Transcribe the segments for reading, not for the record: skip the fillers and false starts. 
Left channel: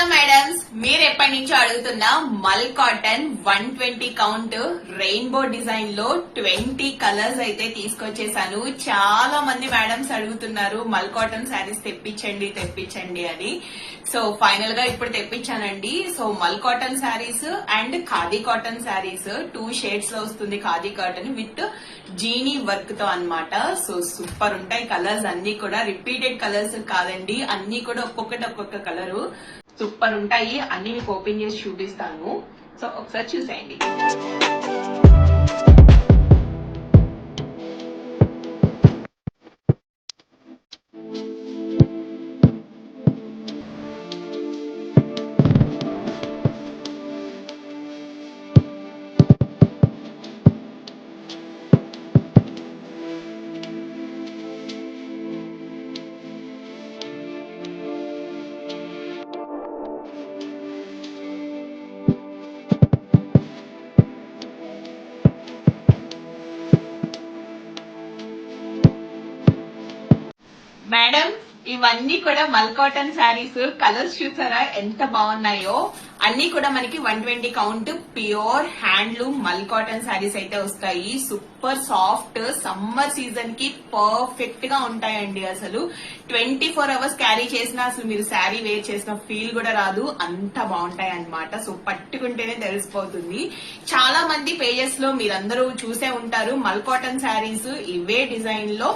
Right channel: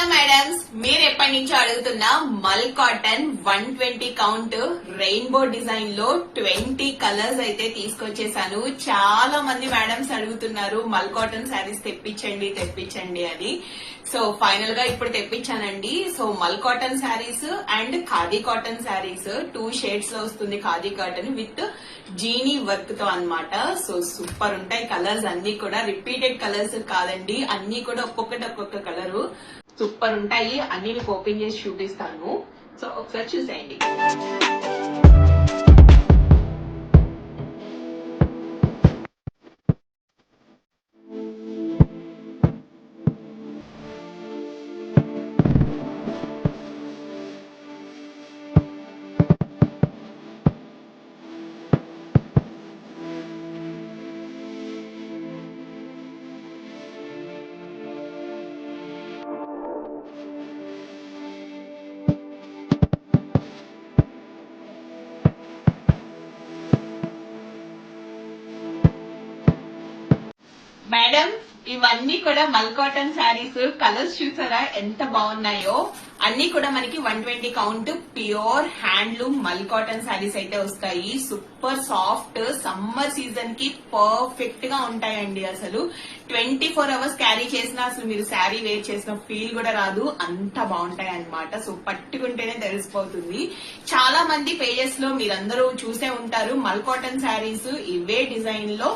Hello madams, మీరు ఎప్పటి నుంచో అడుగుతున్న మల్ కాటన్ 120 కౌంట్ రెయిన్బో డిజైన్ లో 20 కలర్స్ అయితే తీసుకొచ్చేసాను. చాలా మంది మేడమ్స్ అడుగుతున్నారు మల్ కాటన్ శారీస్ తెప్పించండి అని. సో ఫైనల్ గా ఇప్పుడు తెప్పించానండి. సో మల్ cotton saris and khadi cotton saris 2 shades లో వస్తుంది. Khadi cotton with genie work తో అన్నమాట. సో సూపర్ ఉంటాయి కలర్స్ అన్ని కూడా. రిపీటెడ్ కలర్స్ కాదండి, అన్ని కూడా ఒక్కొక్క కలరు సూపర్ ఉంటాయి. అన్ని మీకు ఓపెన్ చేసి చూపిస్తాను. సో ఒకసారి చూసేయండి. మేడం, ఇవన్నీ కూడా మల్ కాటన్ శారీస్. కలర్స్ చూసారా ఎంత బాగున్నాయో. అన్ని కూడా మనకి 120 కౌంట్ ప్యూర్ హ్యాండ్లూమ్ మల్ కాటన్ శారీస్ అయితే వస్తాయి. సూపర్ సాఫ్ట్, సమ్మర్ సీజన్ కి పర్ఫెక్ట్ గా ఉంటాయండి. అసలు 24 అవర్స్ క్యారీ చేసినా అసలు మీరు శారీ వేర్ చేసిన ఫీల్ కూడా రాదు, అంత బాగుంటాయి అన్నమాట. సో పట్టుకుంటేనే తెలిసిపోతుంది. చాలా మంది పేజెస్ లో మీరందరూ చూసే ఉంటారు మల్ కాటన్ శారీస్ ఇవే డిజైన్ లో.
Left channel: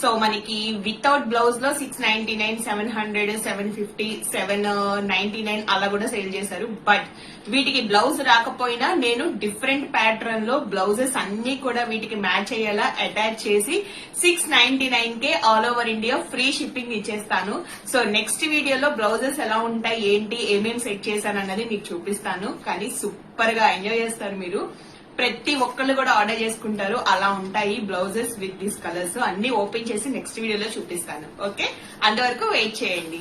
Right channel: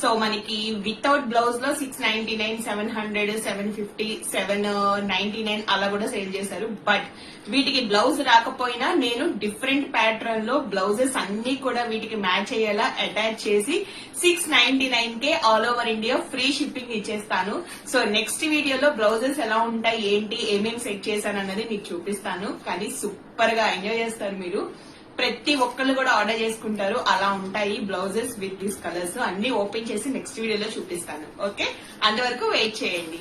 సో మనకి వితౌట్ బ్లౌజ్ లో 699, 700, 750, 799 అలా కూడా సేల్ చేశారు. బట్ వీటికి బ్లౌజ్ రాకపోయినా నేను డిఫరెంట్ ప్యాటర్న్ లో బ్లౌజెస్ అన్ని కూడా వీటికి మ్యాచ్ అయ్యేలా అటాచ్ చేసి 699 కే all over India free shipping ఇచ్చేస్తాను. సో నెక్స్ట్ వీడియోలో బ్లౌజెస్ ఎలా ఉంటాయి, ఏంటి, ఏమేమి సెట్ చేశాను అన్నది మీకు చూపిస్తాను. కానీ సూపర్ గా ఎంజాయ్ చేస్తారు మీరు. ప్రతి ఒక్కళ్ళు కూడా ఆర్డర్ చేసుకుంటారు. అలా ఉంటాయి బ్లౌజెస్ విత్ దీస్ కలర్స్. అన్ని ఓపెన్ చేసి నెక్స్ట్ వీడియోలో చూపిస్తాను. ఓకే, అంతవరకు వెయిట్ చేయండి.